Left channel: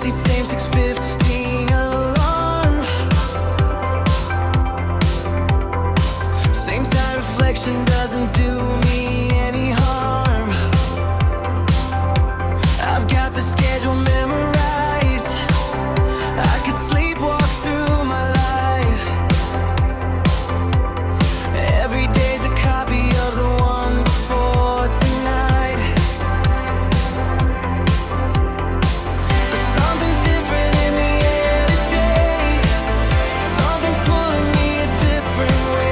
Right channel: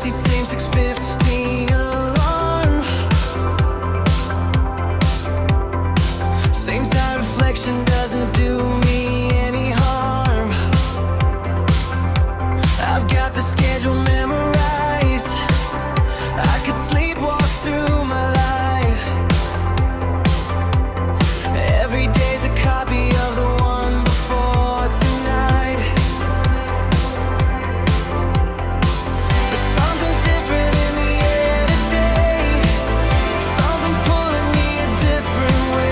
seat, same 6:15 alarm. Same time, reflection doesn't do me any harm. I've got the schedule memorized. I could sleepwalk through my life. Every day's a copy of the one before tonight. But something's different in the air today. Something's pulling me a different way.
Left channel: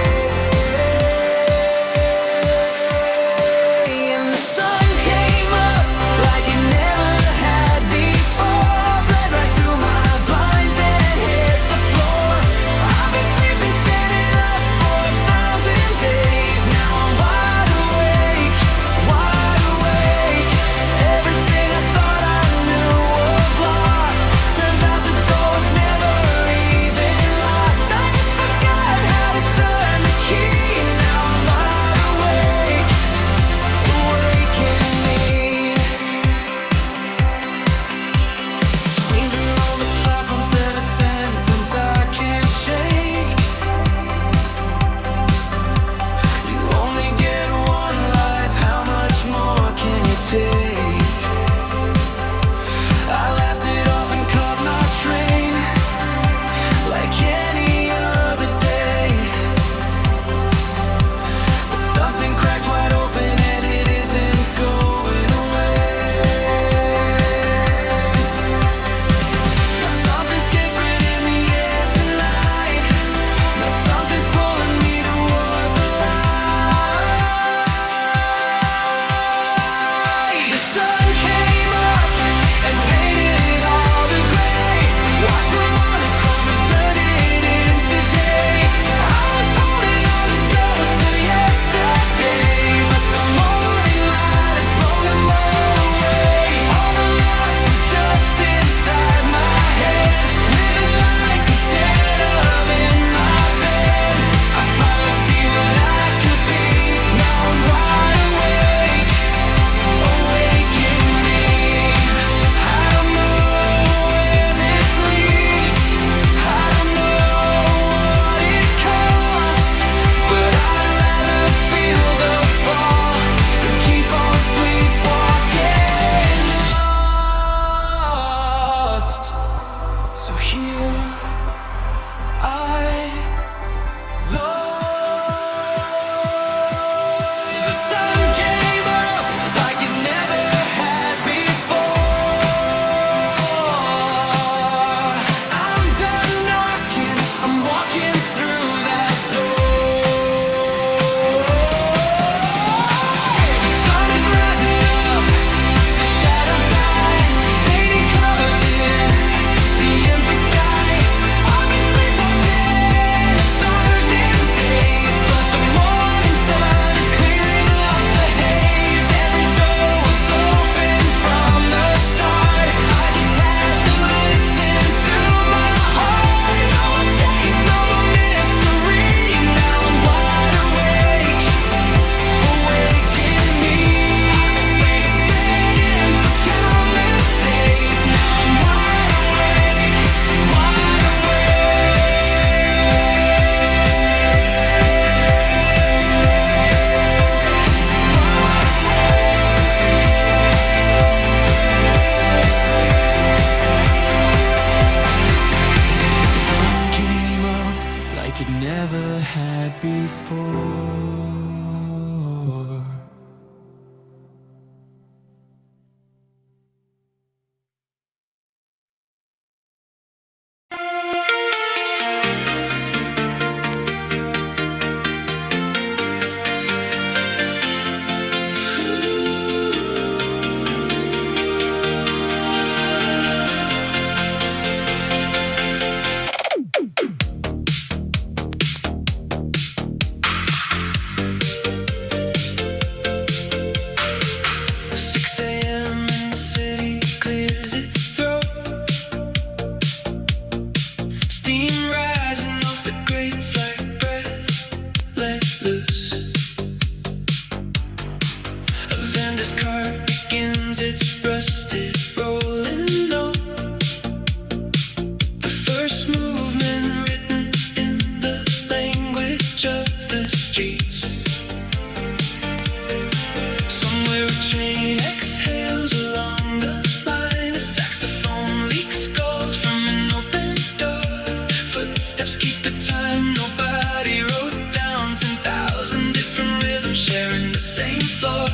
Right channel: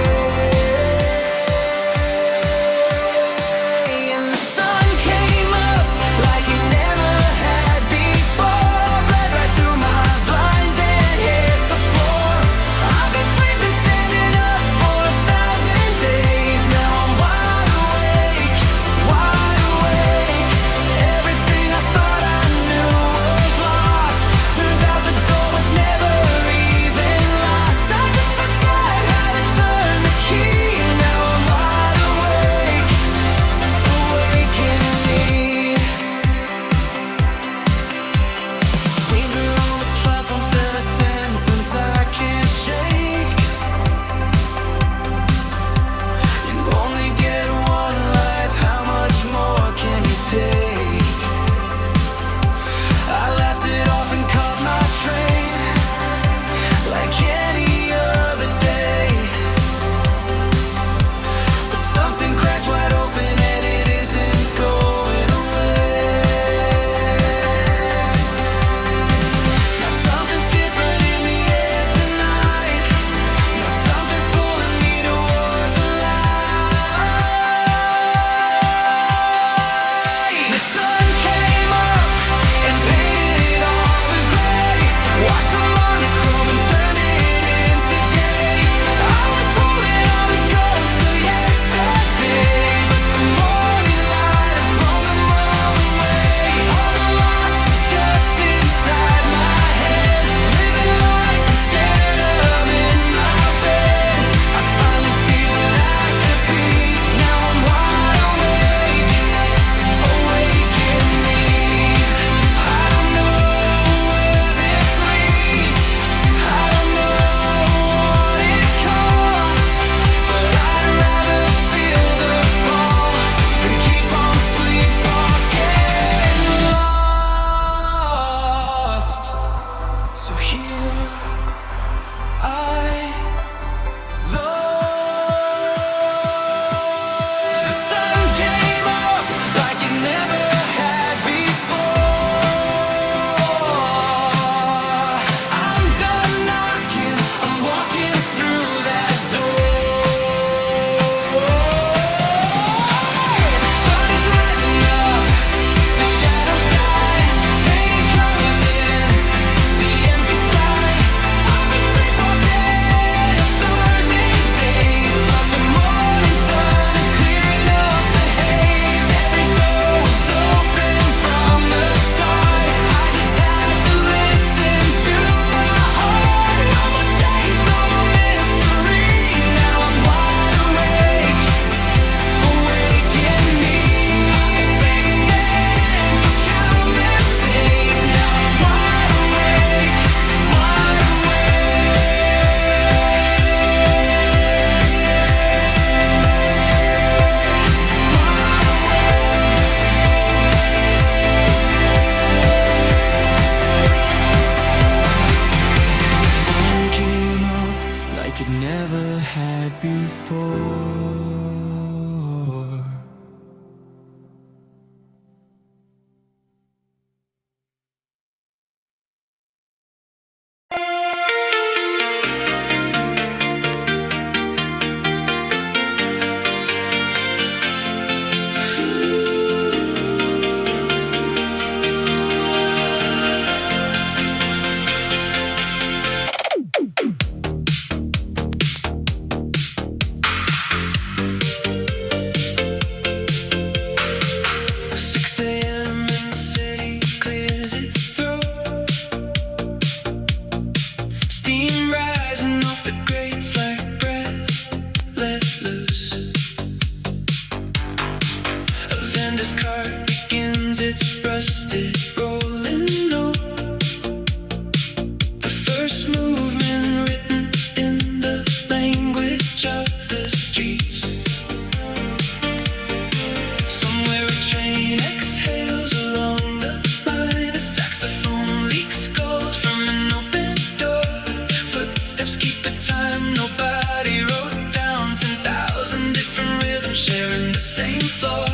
And the sun came up like it never had before. Bled right through my blinds and hit the floor. I've been sleeping standing up for 1,000 days. Now I'm wide awake, wide awake. Everything I thought I knew was locked. Turns out the door was never even locked. I just forgot how to turn the key. Now I'm wide awake, awaken me. Stranger on the platform said a sentence I can't shake. You only get one life, how much more can you take? I laughed it off and caught my train like any other day. But something cracked wide open and it isn't going away. Now something's different in the air tonight. Now something's pulling me toward the light. The sun came up and painted all the gray. Watched the monochrome and turn it into day. I was holding on to ghosts of yesterday, but the morning light has blown them all away. All the locks were just inside my head, living life instead of in my bed. I finally see what I could be. Now I'm wide awake, awaken me. I don't know where this leads. I don't know what it costs, but I'd rather feel the fall than keep on sleepwalking lost. So here I lie. The sun came up like it never had before. I'm done knocking, I'm walking through that door. The sun is rising up, the shadows die, painting colors in the empty sky. I've been sleepwalking 1,000 days, but the morning sun is clearing up the haze. Every door was open from the start. I just had to listen to my heart. No more chains, no more mystery. Now I'm wide awake, awaken me. I've been sleeping for countless days. Now I'm wide awake, wide The sun came up like it never had before. this car begins its rusted rolling note. first movement written in the language of the streets. Somewhere a train exhales along the line. A saxophone leaks gold from an open door. Footsteps keep a time nobody wrote down. 10,000 different rhythms sharing the same floor.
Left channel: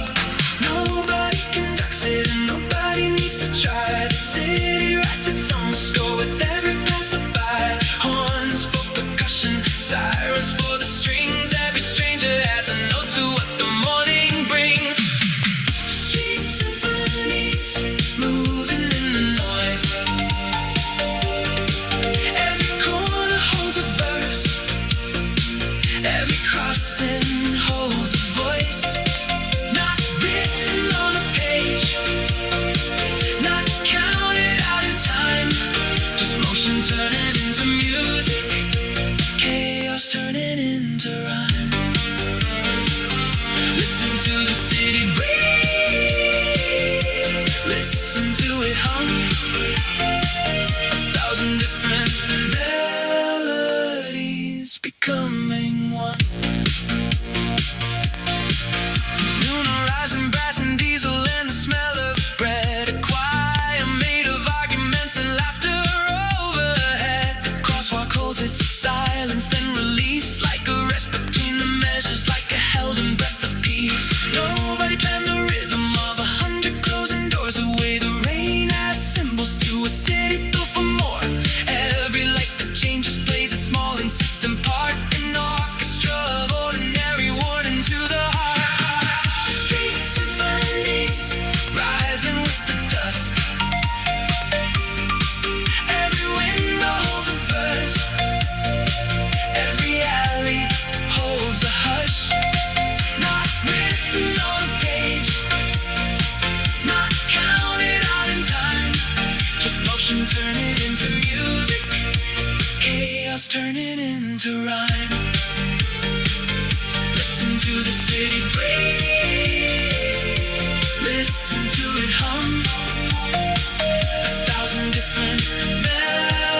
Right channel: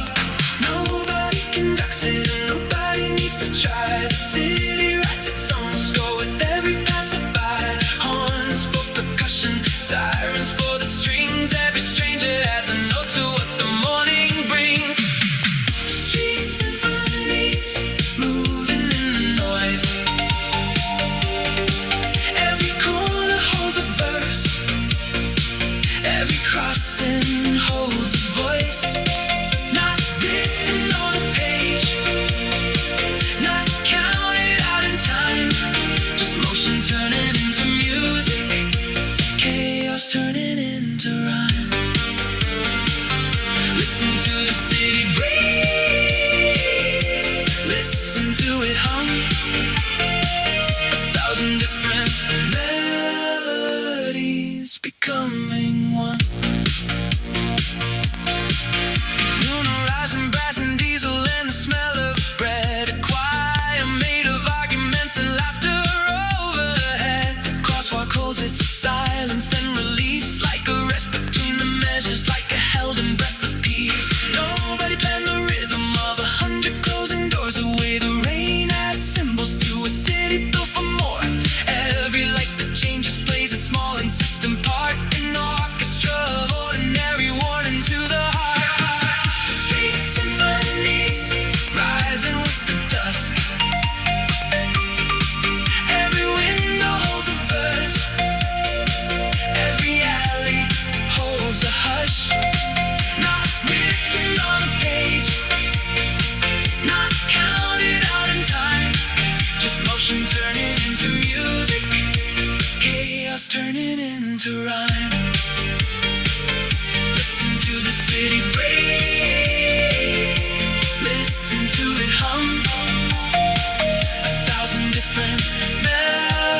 Nobody conducts it and nobody needs to try. The city writes its own score with every passerby. Horns for percussion, sirens for the strings. Every stranger adds a note to what the morning brings. Street symphonies moving in the noise. Every corner holds a verse. Every crossing holds a voice. Not written on a page, not counted out in time. Just motion turning into music, chaos turning into rhyme. Listen to the city breathe, listen to it hum. 1,000 different melodies becoming one. Noon horizon, brass and diesel and the smell of bread. A choir made of arguments and laughter overhead. The crosswalk holds its silence, then release like a rest between the measures, like a held in breath of peace. Nobody planned the rhythm of 100 closing doors away. The rain adds symbols to a city built for more. Every light that changes plays its small insistent part. An orchestra of ordinary warning to the heart. Street symphonies rising with the dusk. Every window holds a verse. Every alley holds a hush. Not written on a page, not counted out in time. Just motion turning into music, chaos turning into rhyme. Listen to the city breathe, listen to it hum. 1,000 different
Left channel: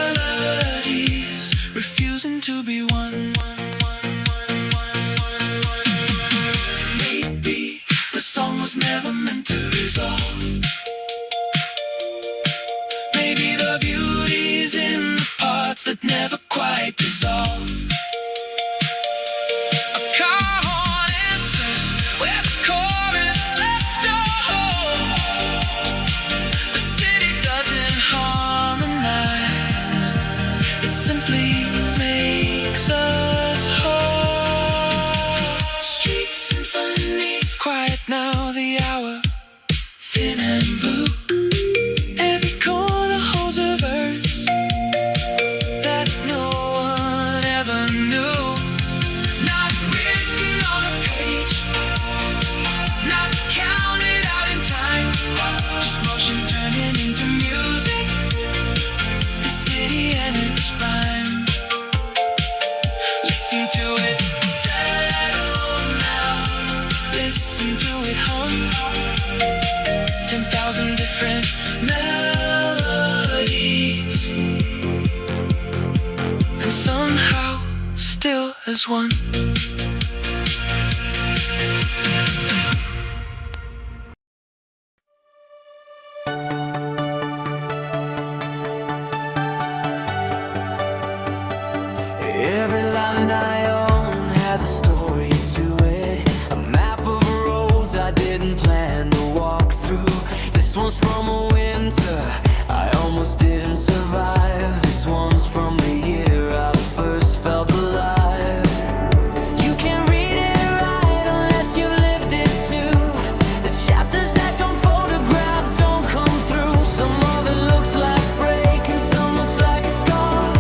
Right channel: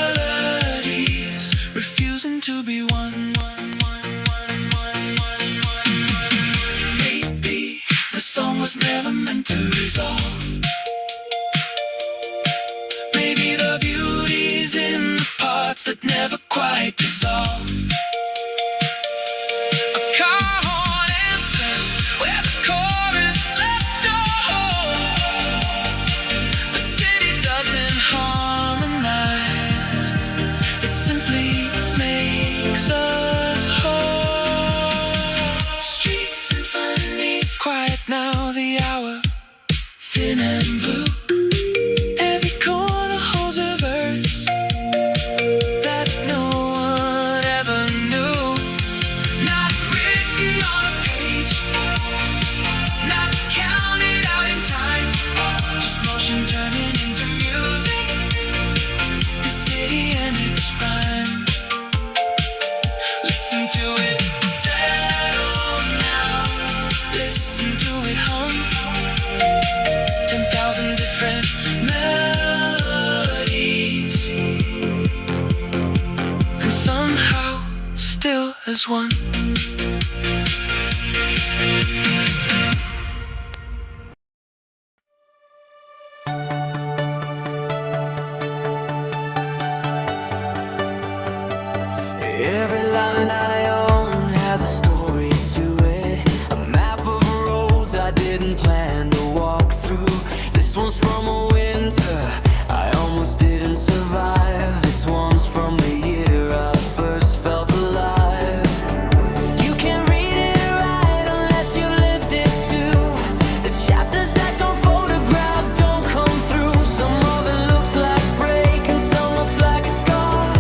melodies refusing to be one. Maybe the song was never meant to resolve. Maybe the beauty's in the parts that never quite dissolve. A car horn answers where the chorus left off. The city doesn't harmonize, it simply makes us whole. Street symphonies quiet now, the hour thin and blue. Every corner holds a verse that no one ever knew. Not written on a page, not counted out in time. Just motion turning into music, the city and its rhyme. Listen to it settle now, listen to it hum. 10,000 different melodies, and somehow still as one. Every line I own has a story to it. A map of roads I didn't plan to walk through. This one's from a winter I almost didn't survive. This one's from the year I first felt alive. You can't read it right unless you've lived it too. The chapters that don't photograph don't come through. Some of it looks like break and some looks like a scar,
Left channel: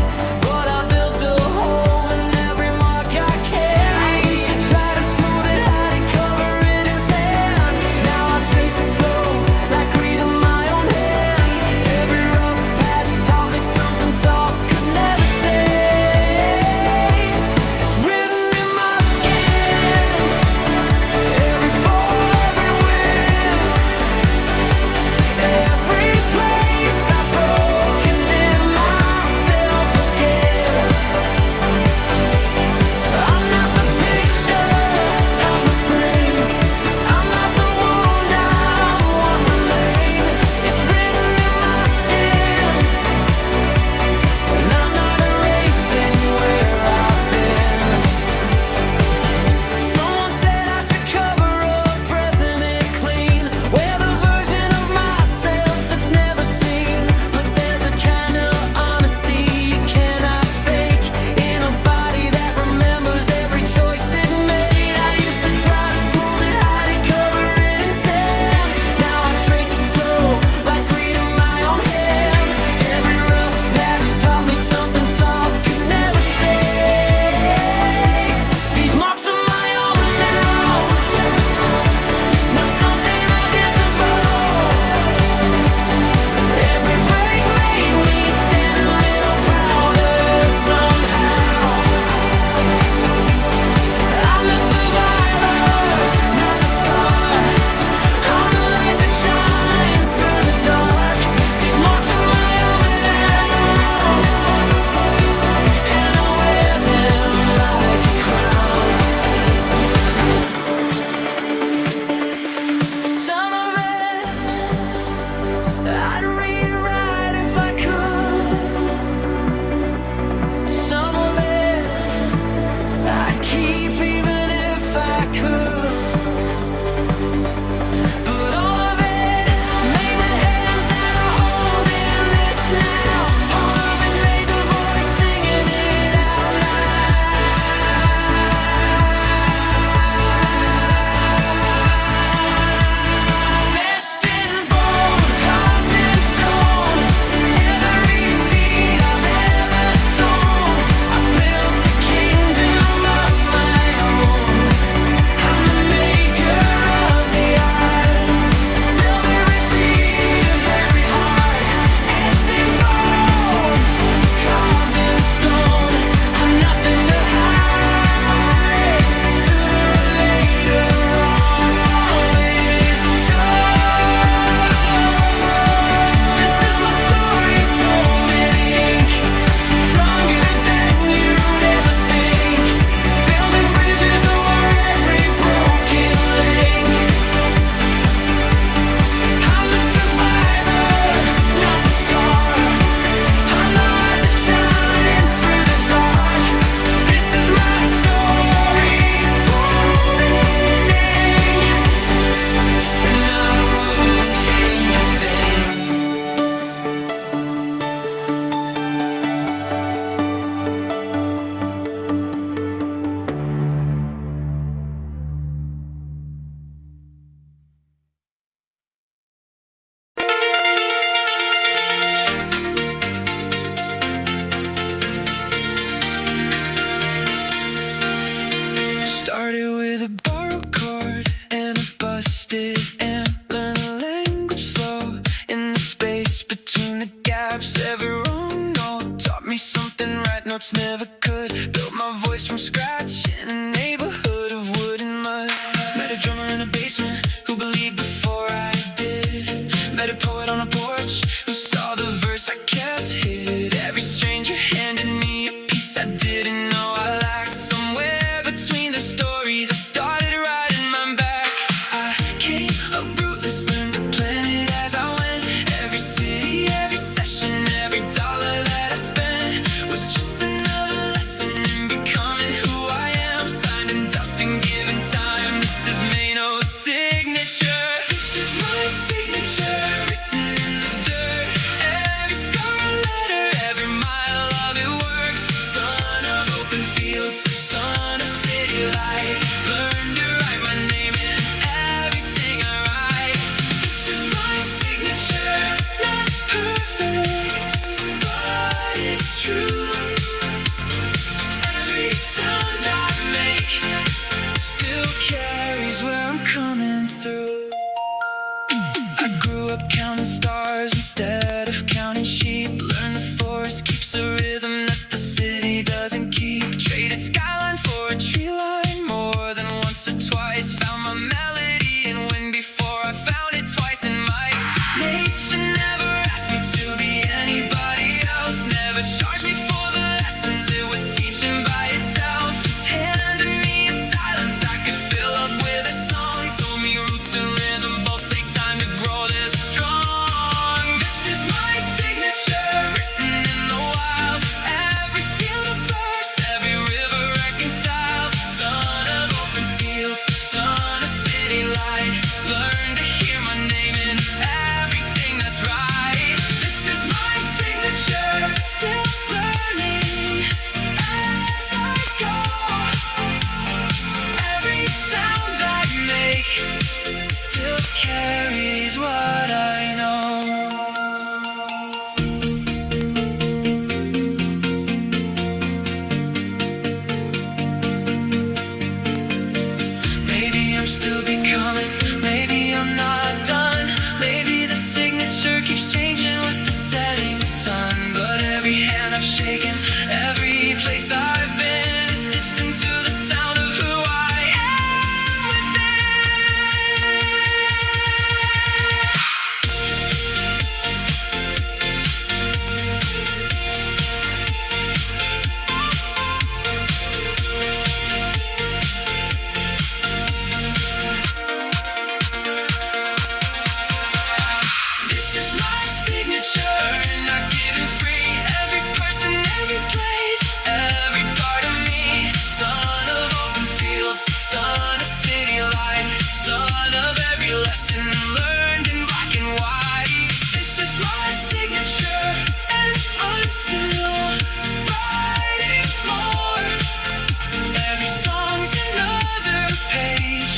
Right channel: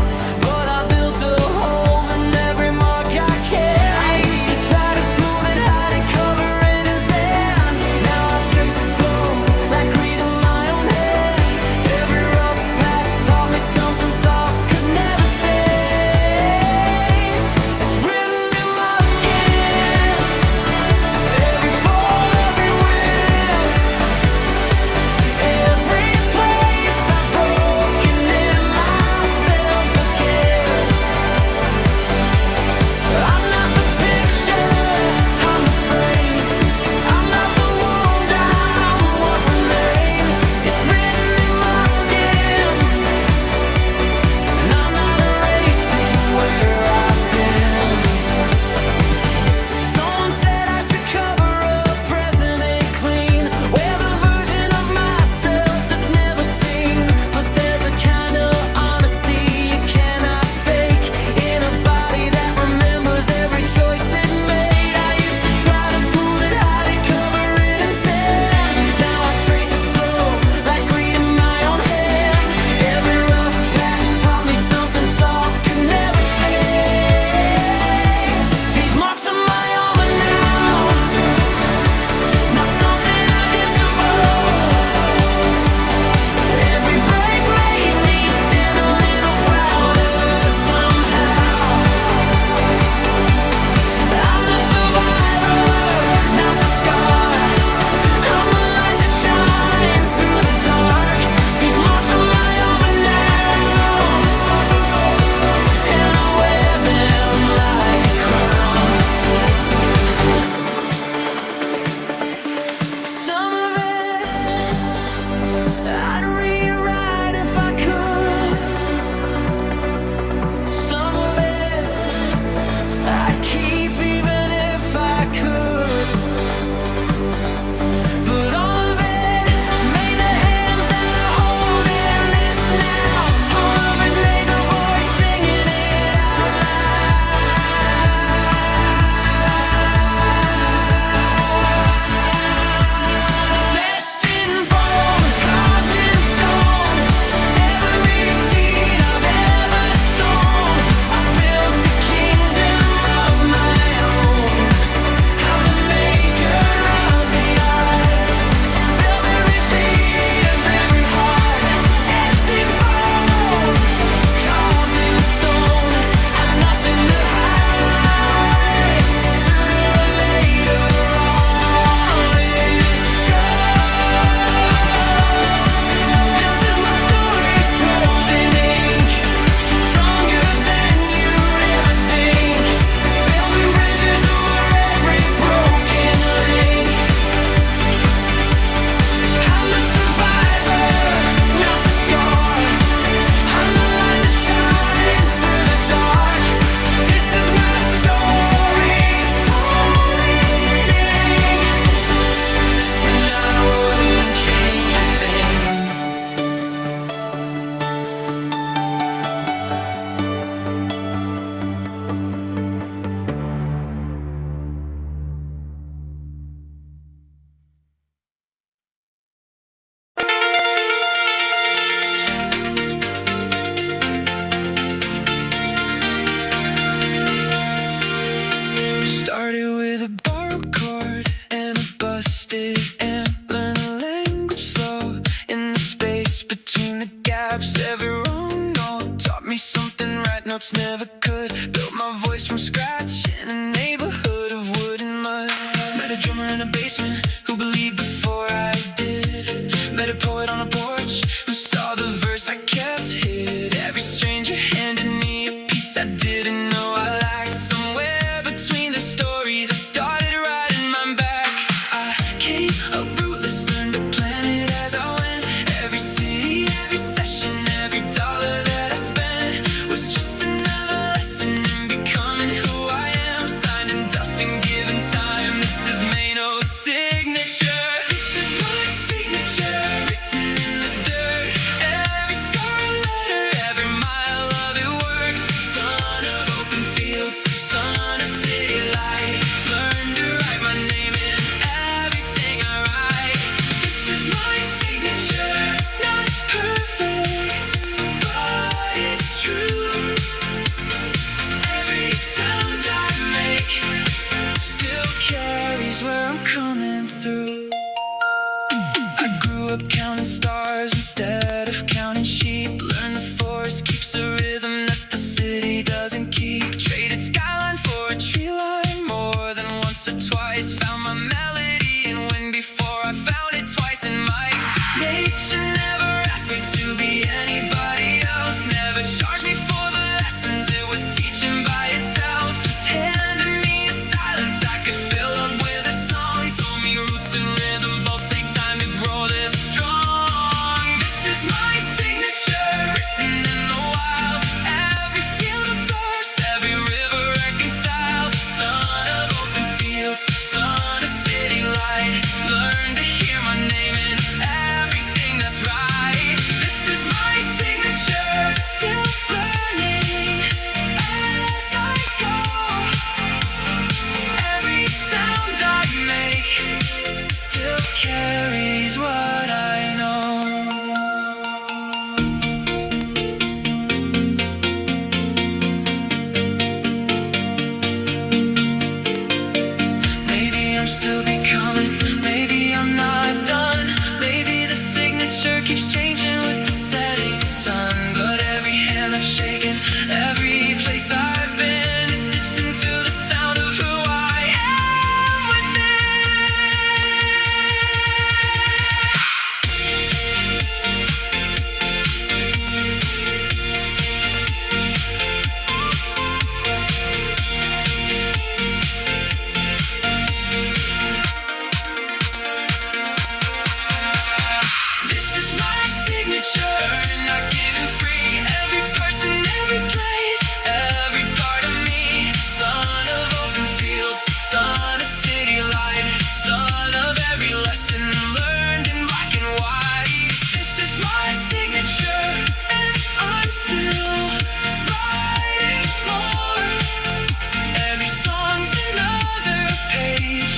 but I built a home in every mark I carry. I used to try to smooth it out and cover it in sand. Now I trace it slow, like reading my own Started with a borrowed chord and a busted amp. Learned the language slow in the space between the gaps. Every wrong note taught me something right notes never could. Built my voice from scratch in a neighborhood of wood and mud. Met a drummer in a basement who believed before I did. Met a poet on a porch who saw the verse I kept hid. Every stranger handed me a piece I didn't know I lacked. Somewhere between the stories I started writing mine back. I came up rootless, learned to plan it as I went. Every city, every session, every dollar that I spent was just another lesson in becoming who I am. Signed and dust and given time. This is Mano's signature. This is my signature, written in the dirt. Every scarlet letter, every mile of it worked. Son of open fields, son of city light. Learn to write my name in everything I write. This is my signature, not perfect, but it's true. Every sound I make still carries where I'm coming through. I grew up counting stars instead of counting sheep. Learned the forest keeps a rhythm that the city doesn't keep. Traded skyline for a tree line more than once or twice. Found my melody in wind before I found it twice in mics. Nature never asked me to be anybody else. Never charged me for the lessons it was teaching by itself. Just handed me a silence I could fill up with a song. Told me roots and rhythm both take time to grow this strong. This is my signature, written in the wild. Every field of verse, every river reconciled. Son of open fields, son of city light. Learn to hear my name in everything that's right. This is my signature, still learning as I go. Every sound I make still carries what I know. Maybe I'm still becoming, maybe I'm not done. Maybe the signature keeps changing with the setting sun. But every hand I've shaken, every place I've been is stitched into the sound of who I am within. This is my signature, not given free. Every person, every place, every part of me. Son of open fields, son of city light. Son of every lesson learned in black and white. This is my signature, and I'm still writing more. Every song's another page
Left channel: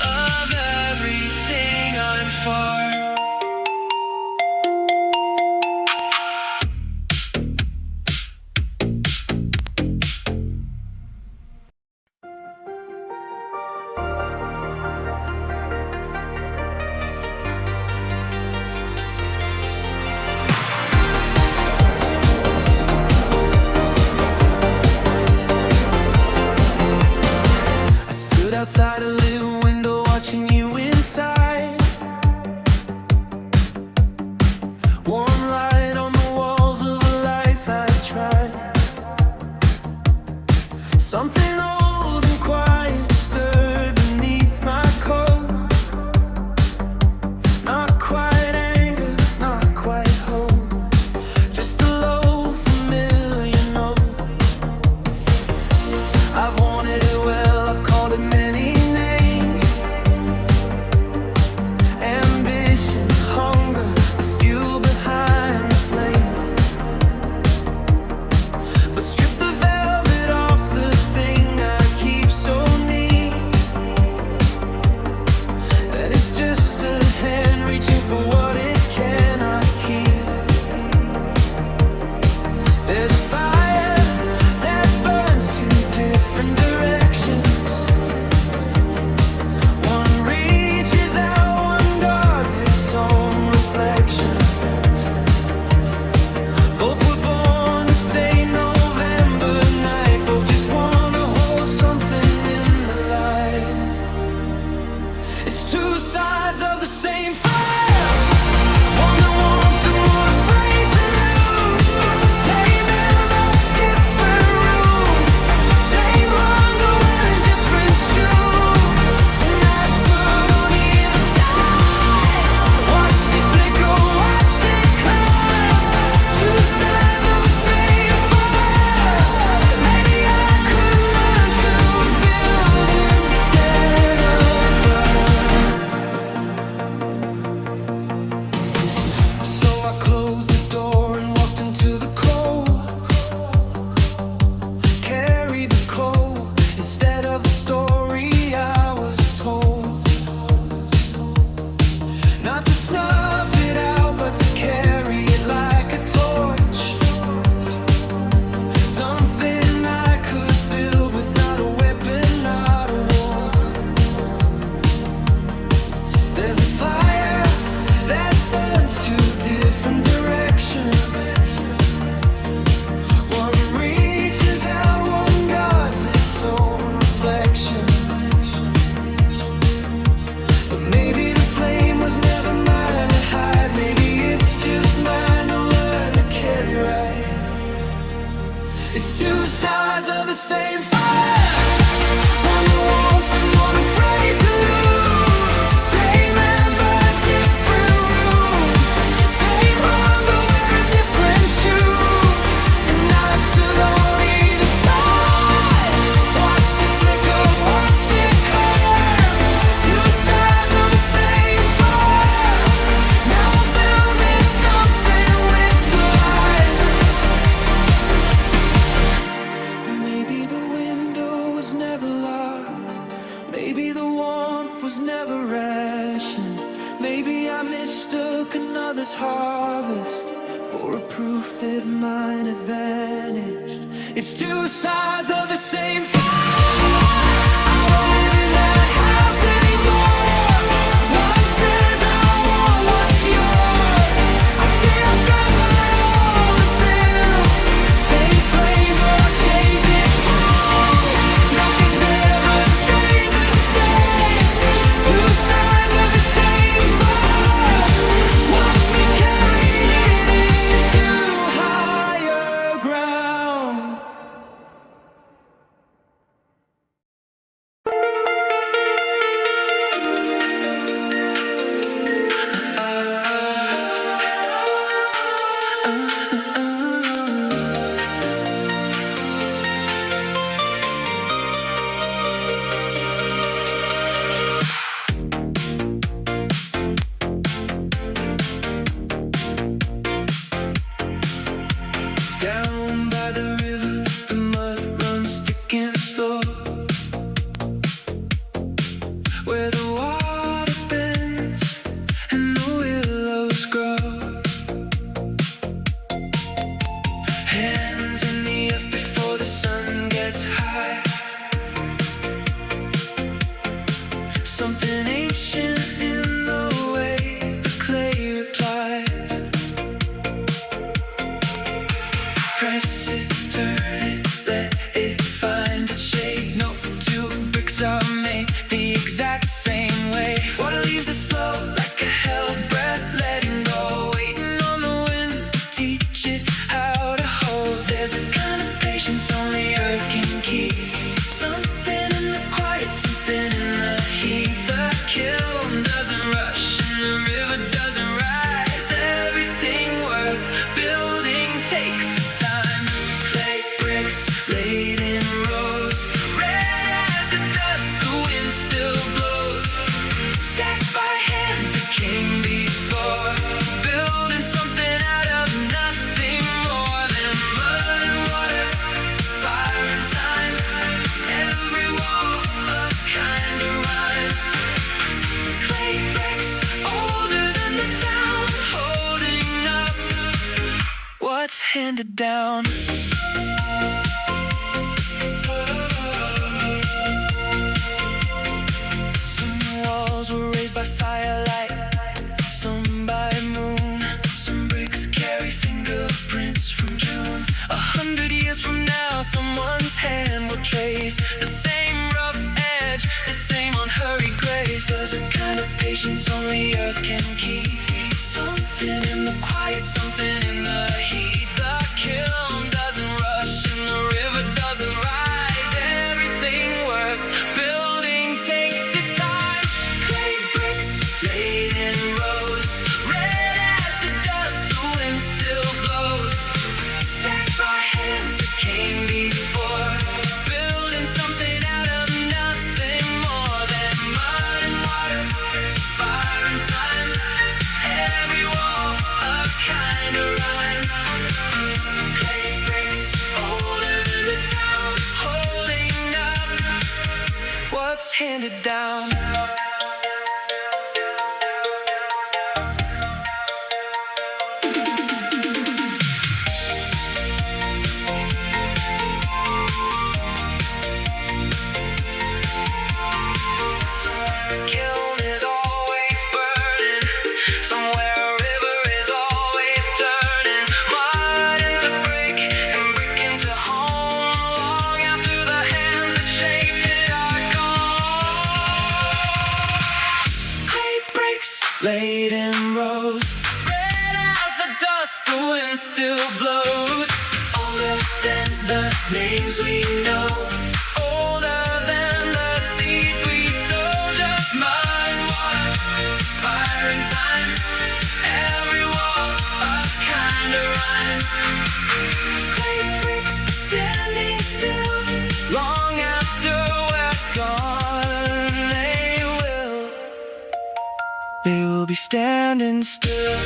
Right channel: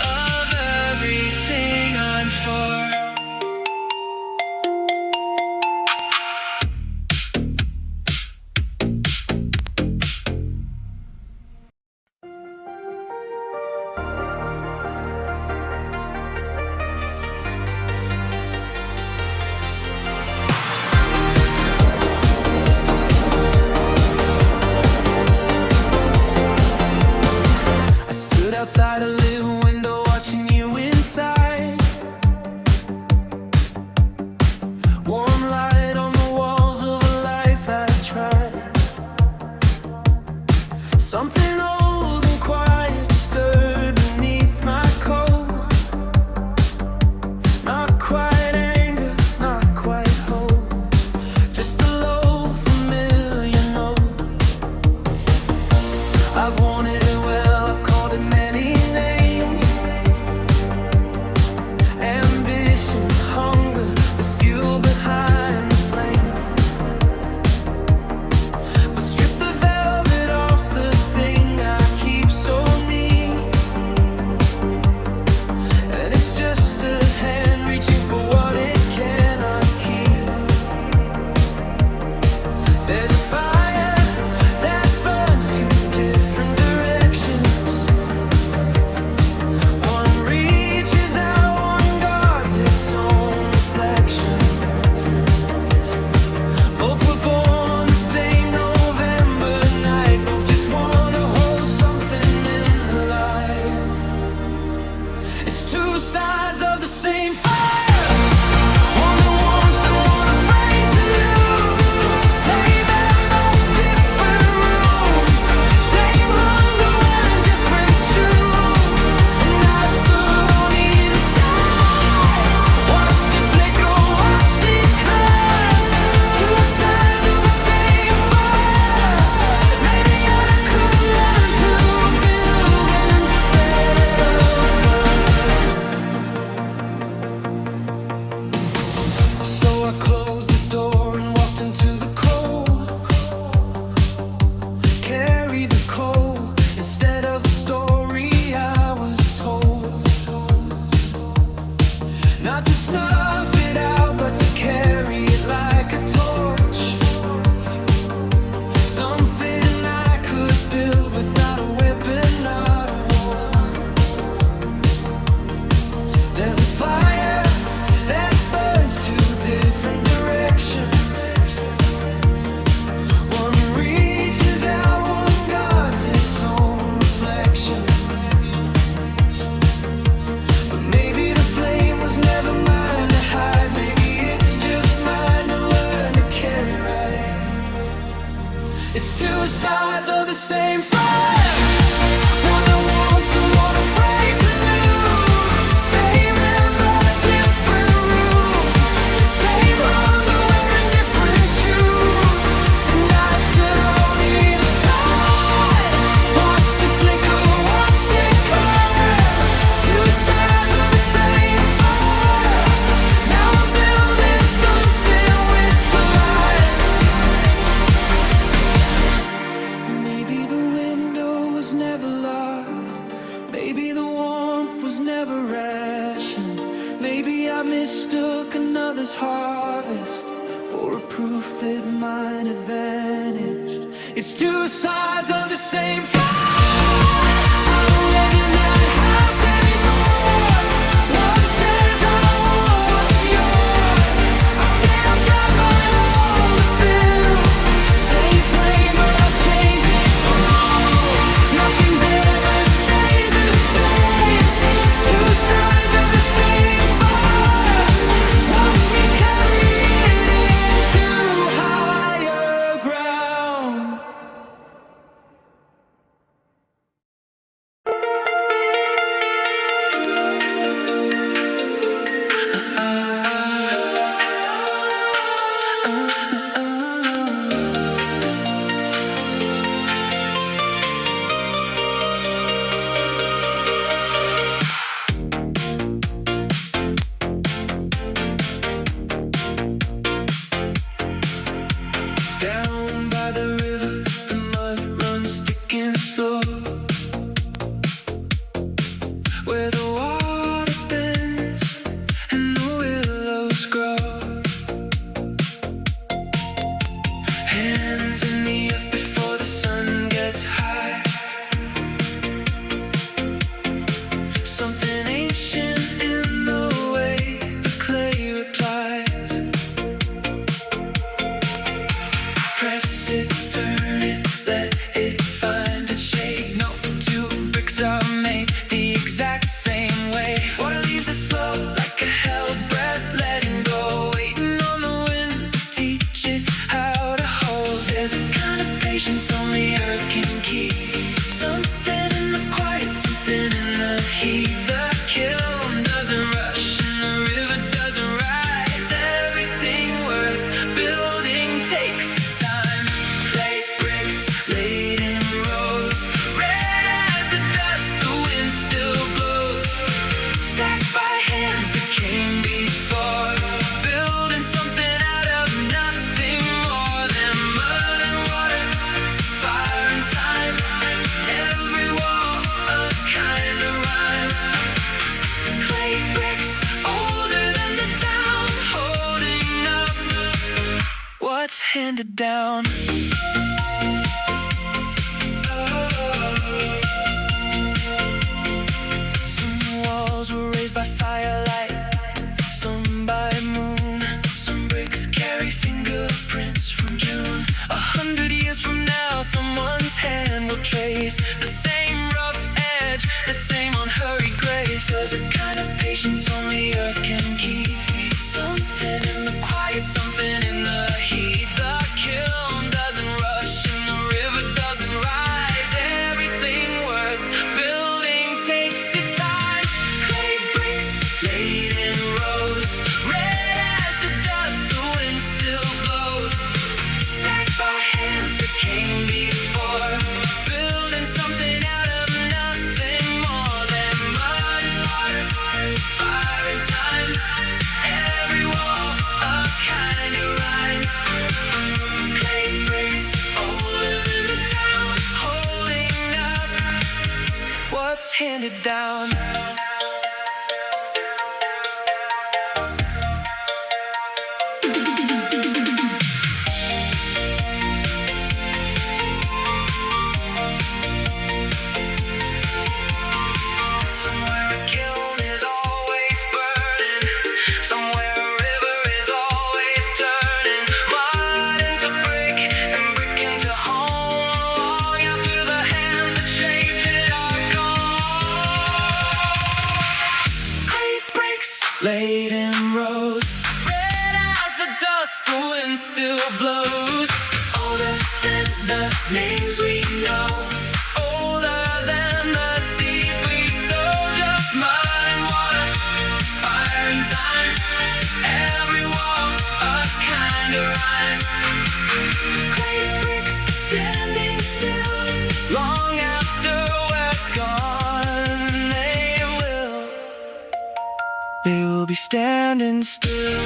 of everything I'm for. I stood outside a little window watching you inside. Warm light on the walls of a life I tried. Something old and quiet stirred beneath my coat. Not quite anger, not quite hope, just a low familiar note. I've wanted it well, I've called it many names. Ambition, hunger, the fuel behind the flame. But strip the velvet off the thing I keep so neat, and it's just a hand reaching for what it cannot keep. There's a fire that burns two different directions. It's two sides of the same fire, one that wants and one afraid to lose. Same ember, different rooms. Same hunger, wearing different shoes. And I've stood on either side, watched it flicker, watched it climb. Two sides of the same fire. Now I'm building something with the light. Maybe the window was never locked. Maybe the warmth was never rationed. Maybe I mistook another's harvest for a proof that mine had vanished. It's two sides of the same fire. I don't live in that house anymore. One says I want what's yours. I say I've got my own to build. Same flame, but I've changed it all. Nothing's ever stayed the same. Two sides of the same fire. Watch me carry it into higher ground. Down by the river, the mud runs thick and slow. Where the water bends and the willows grow. Hands in the earth before the sun gets high. Something ancient in the way the clay replies. Press it, turn it, let it find its shade. No two bricks are made the exact same way. Water leaves it slow, like a held breath, letting go. Waiting on the wind to teach it how to hold. There's a kind of patience only earth can keep. Something in the quiet, something in the heat. The kiln doesn't rush and the river doesn't rise. Everything worth building takes its time. Clay bricks laid in rows, red as the dust the wind still blows. Stacked by hands that came before, building something out of nothing more than mud and water, fire and time. Every wall a kind of rhyme. Clay bricks older than the town, holding up what's handed down. Some walls were raised by firelight, some by moon. Some bricks carry fingerprints from June. 100 years from now, someone's hand will trace the same rough edge, the same unhurried grace. There's a kind of patience only earth can keep. Something in the quiet, something in the heat. The kiln doesn't rush and the river doesn't rise. Everything worth building takes its time. Clay bricks laid in rows, red as the dust the wind still blows. Stacked by hands that came before, building something out of nothing more than mud and water, fire and time. Every wall a kind of rhyme. Clay bricks older than the town, holding up what's handed down. Somewhere a kiln is always burning, somewhere a river is always turning. Mud into brick and brick into home. Long after the hands that shaped it are gone. names we know, older than the seeds we sow. Just mud and water, fire and time, every wall a kind of rhyme. Clay bricks standing still, long after we're gone, they will be standing still.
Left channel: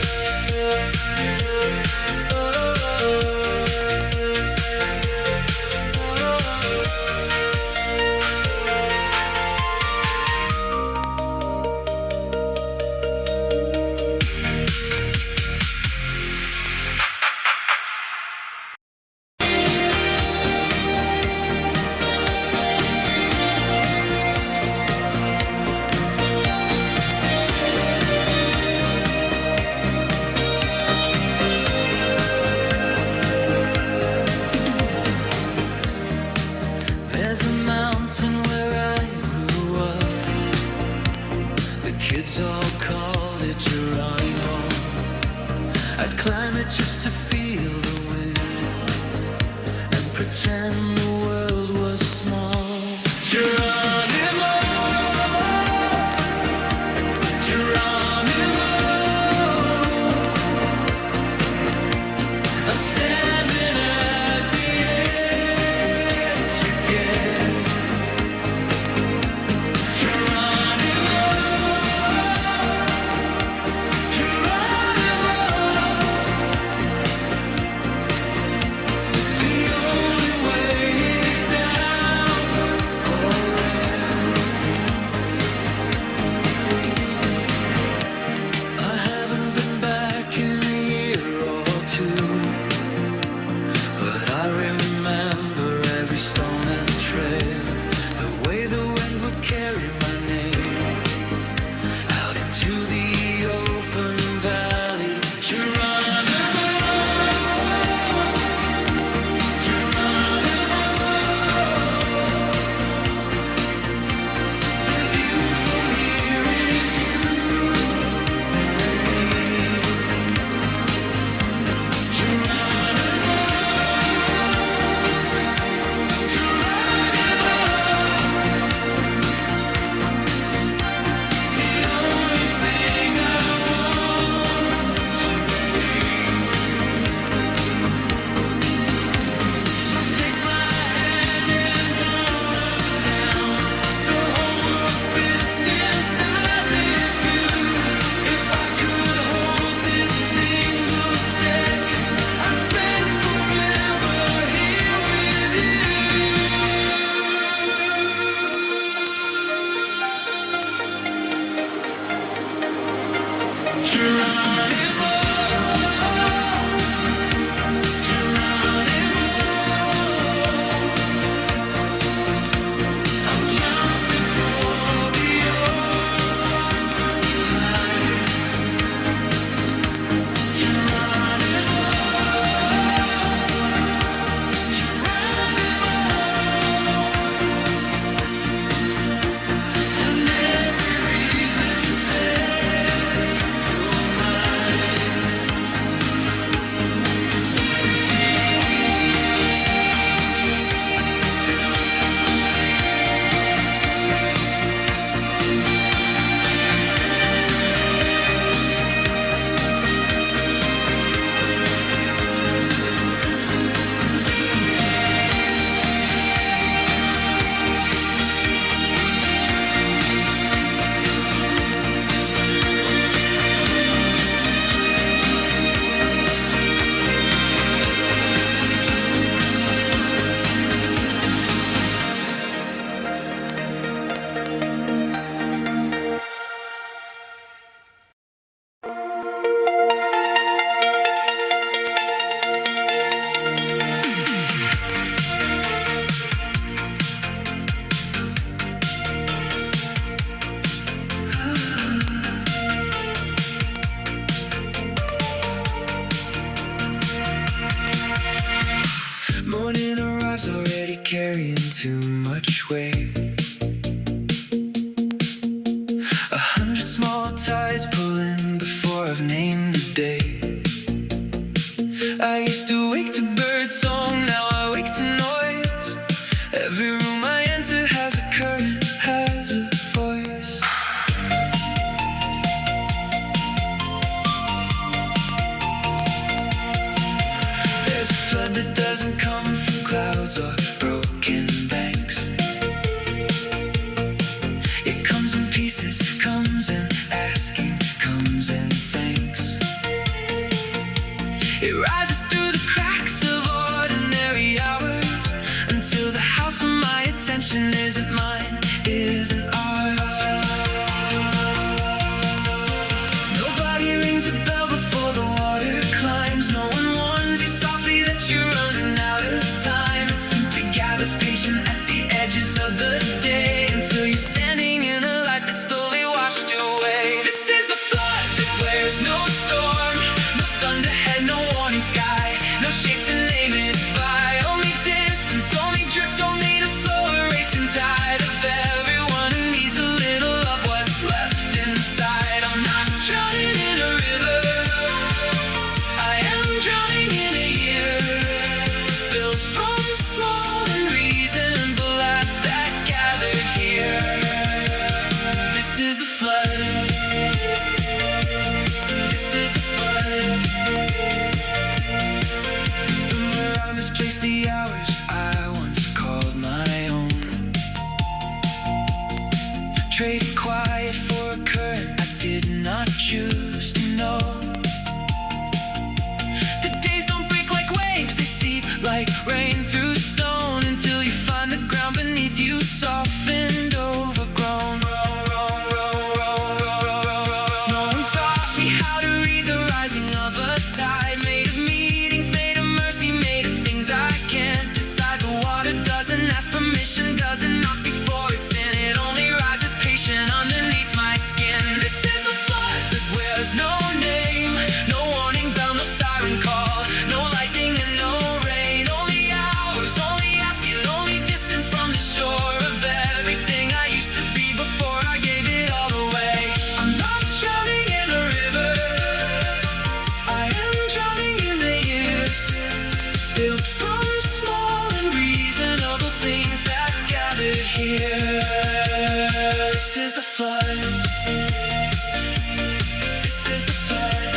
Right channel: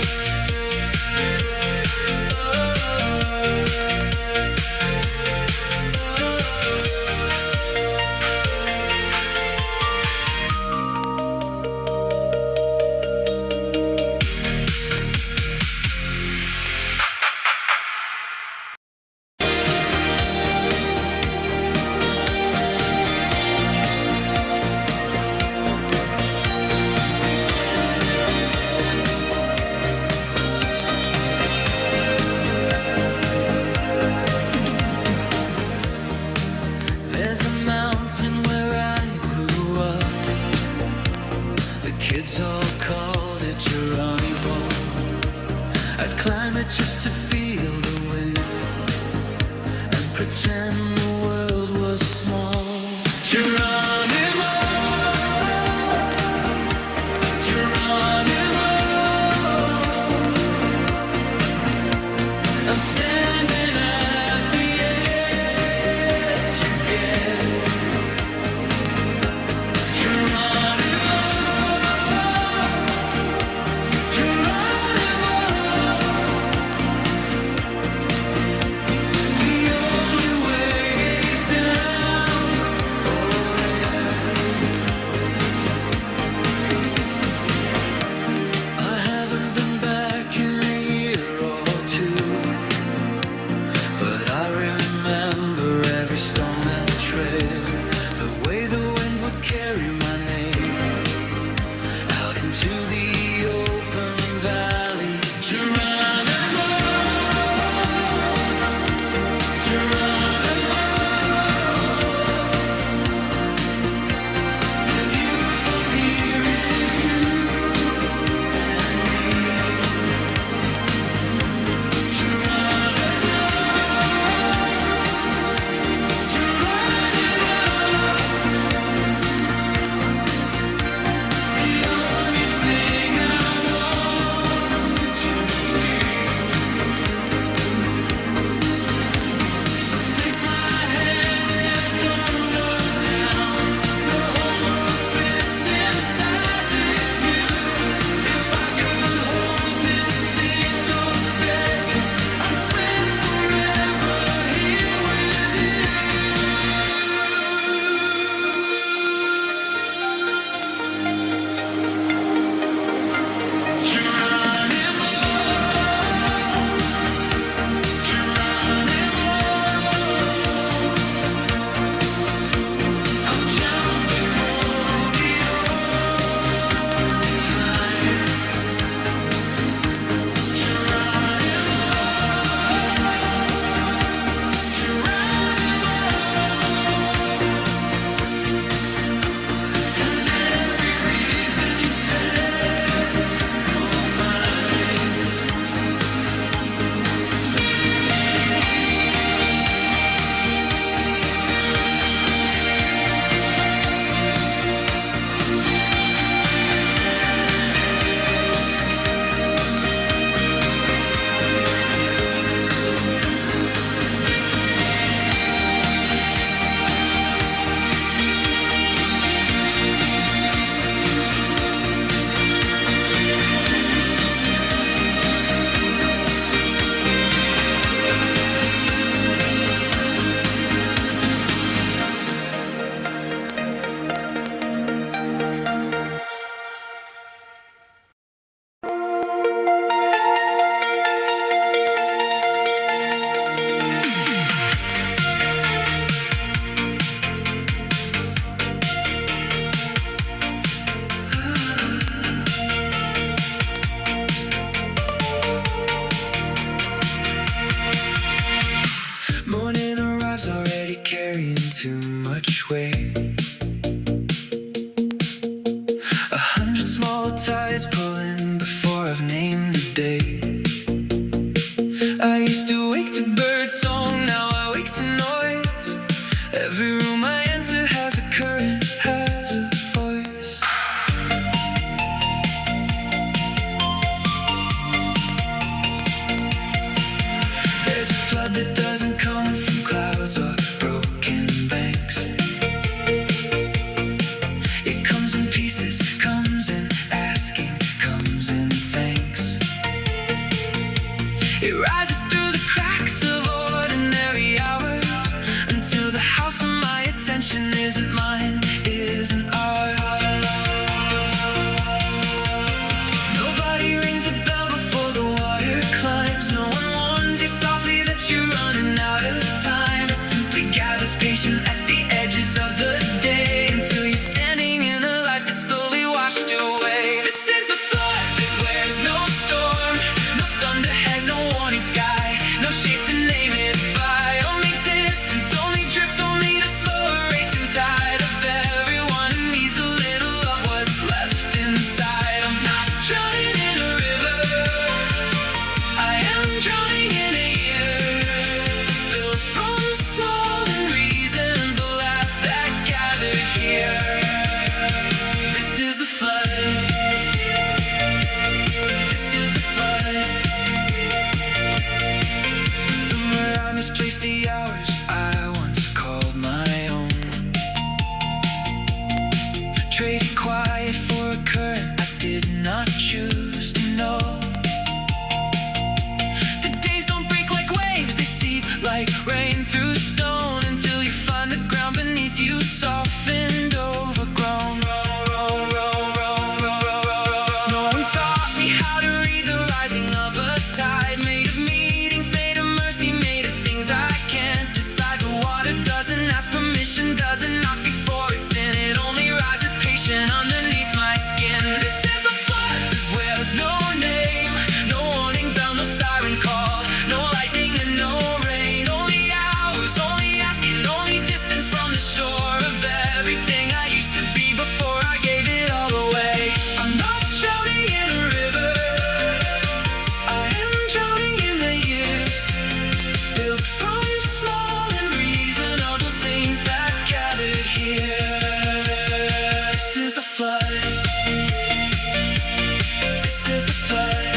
There's a mountain where I grew up. The kids all called it Geronimo. I'd climb it just to feel the wind and pretend the world was small. Geronimo, Geronimo, I'm standing at the edge again. Geronimo, Geronimo, the only way is down or in. I haven't been back in a year or two, but I remember every stone and trail, the way the wind would carry my name out into the open valley. Geronimo, Geronimo, the view from here is you and me. Geronimo, Geronimo, the only thing I want to see. So take my hand and don't look down. The whole world fits inside this view. If I could hold this single second, I'd spend forever here with you. Geronimo, Geronimo, I'm jumping for the only time. Geronimo, Geronimo, and every reason says you're mine. Morning arrives already carrying too much weight. 100 small tides pulling before I've named the day. I used to wake to bird song, now I wake to noise. Traded quiet for a current I did not choose to know. The days don't break like waves, they seep like rain through stone, until you find the ground beneath you softened, overgrown. No one taught me how to read the rising of a tide, made of meetings, made of mercy, made of things I can't decide. The water doesn't ask permission, doesn't knock before it's in, it only rises patient underneath my skin. This is the flood that wears no name, no warning bell, no siren call, no lightning and no rain, only hours, only asking, only distance from the shore of everything I used to be before I gave it all away. I'm not drowning in a river, I am drowning in the years, built from small and reasonable things that gathered here. This is the flood. This is the flood.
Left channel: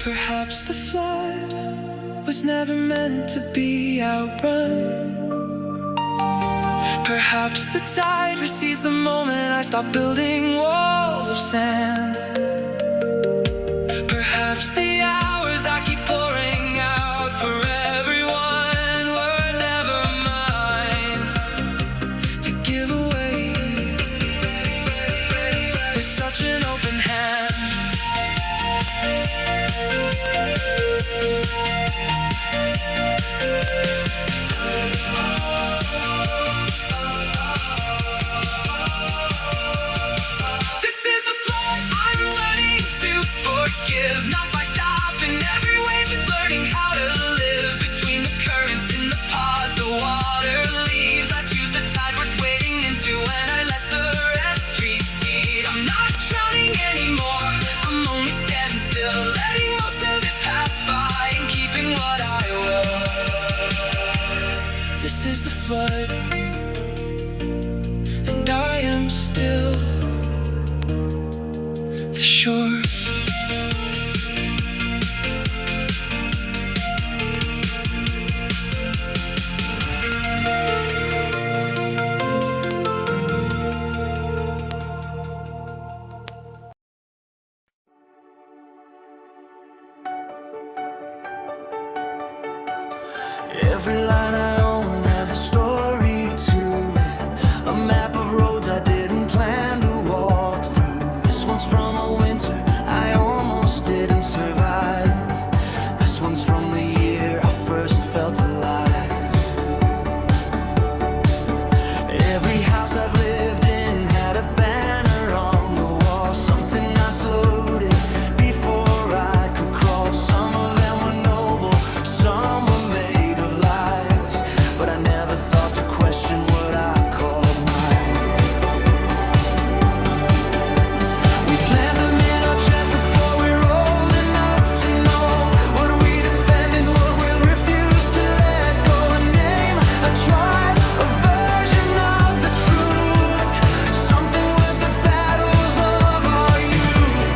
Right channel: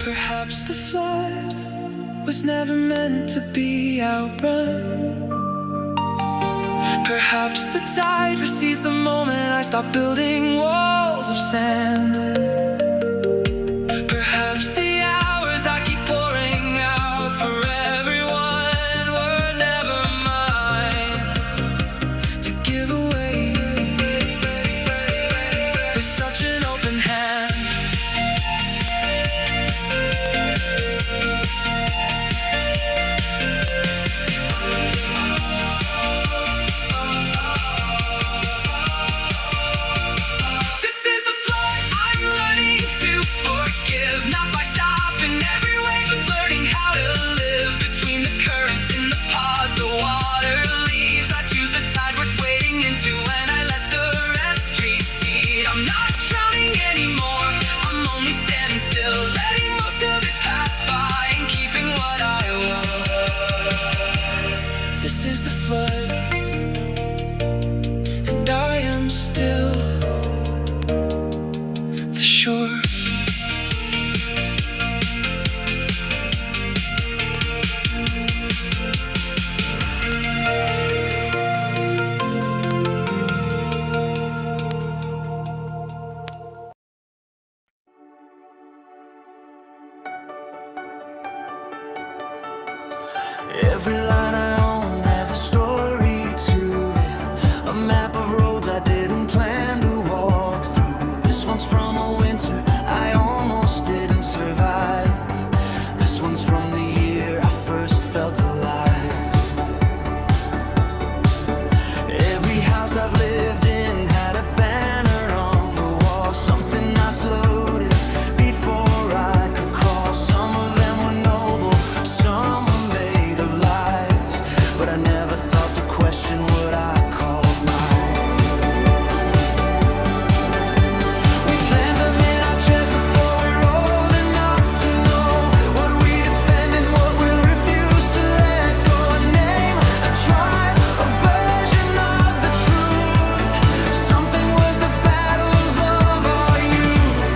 Perhaps the flood was never meant to be outrun. Perhaps the tide recedes the moment I stop building walls of sand. Perhaps the hours I keep pouring out for everyone were never mine to give away with such an open hand. This is the flood. I'm learning to forgive, not by stopping every wave, but learning how to live between the currents in the pause. The water leaves, I choose the tide worth wading into, and I let the rest recede. I'm not drowning anymore, I'm only standing still, letting most of it pass by and keeping what I will. This is the flood, and I am still the shore. Every line I own has a story to it, a map of roads I didn't plan to walk through. This one's from a winter I almost didn't survive. This one's from the year I first felt alive. Every house I've lived in had a banner on the wall, something I slowed it before I could crawl. Some of them were noble, some were made of lies, but I never thought to question what I called mine. We plant them in our chests before we're old enough to know what we defend and what we'll refuse to let go. A name, a tribe, a version of the truth, something worth the battles of our youth.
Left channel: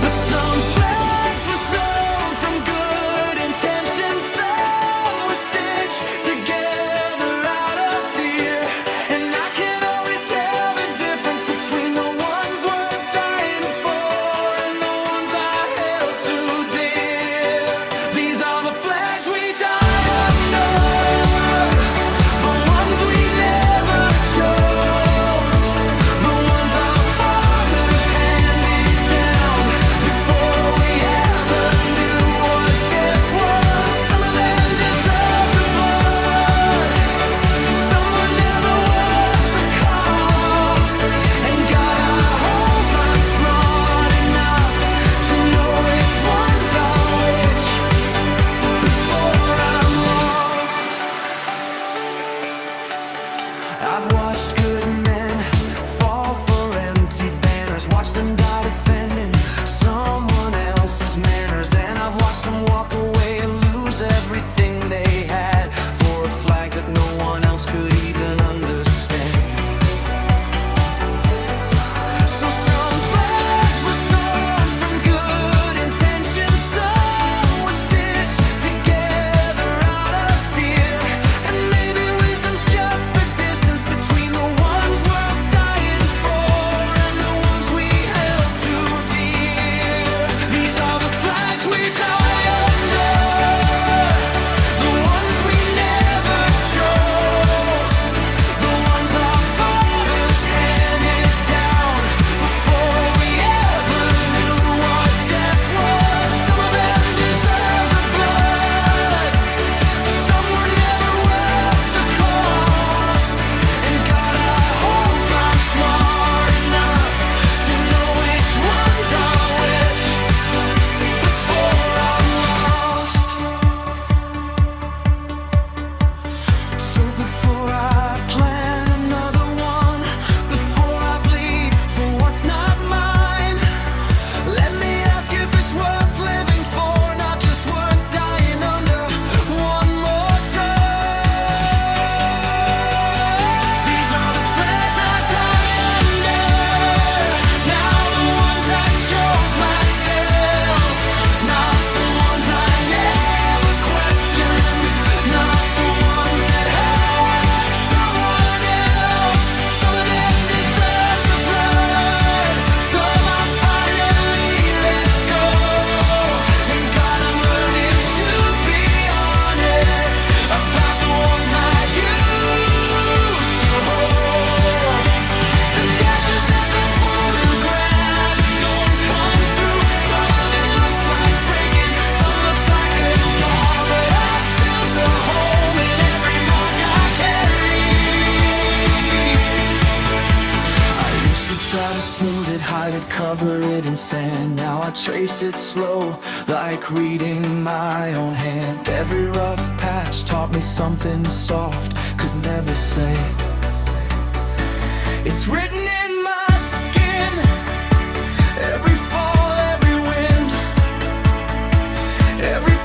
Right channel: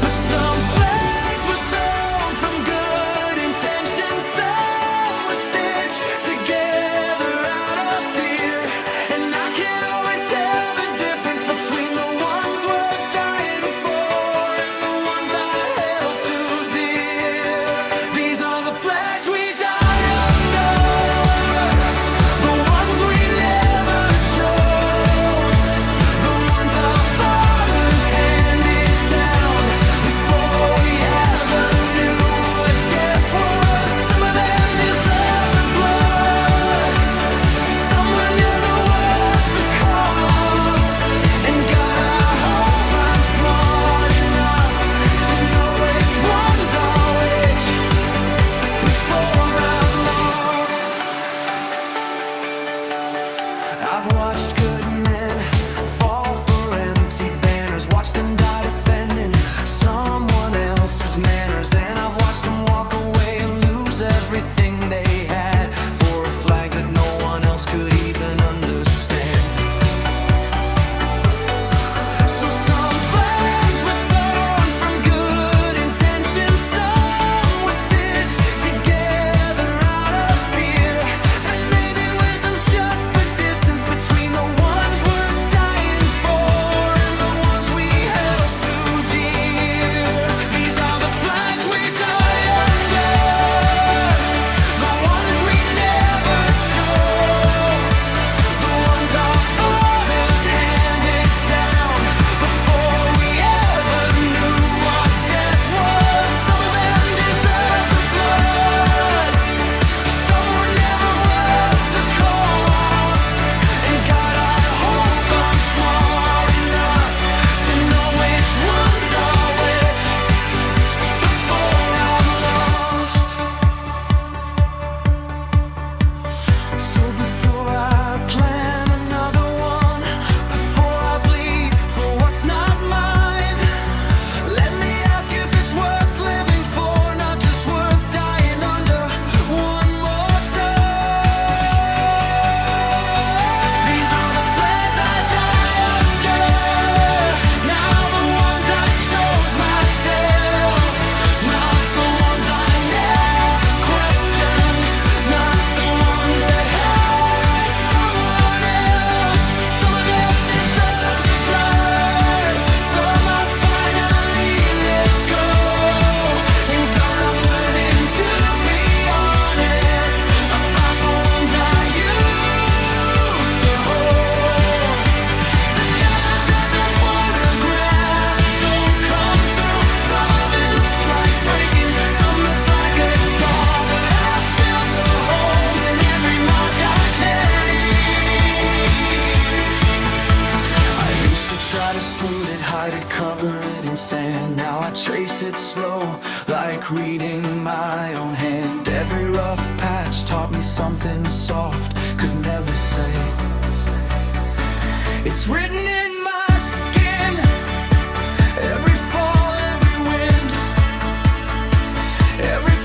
But some flags were sown from good intentions, some were stitched together out of fear, and I can't always tell the difference between the ones worth dying for and the ones I held too dear. These are the flags we die under, the ones we never chose, the ones our fathers handed down before we ever knew what death was. Some of them deserve the blood, some were never worth the cost. And God, I hope I'm smart enough to know which ones are which before I'm lost. I've watched good men fall for empty banners, watched them die defending someone else's manners, and I've watched them walk away and lose everything they had for a flag that no one else could even understand. So some flags were sown from good intentions, some were stitched together out of fear, and to cover it in sand. Now I trace it slow, like reading my own hand. Every rough patch taught me something soft could never say. It's written in my skin, every fall, every wind, every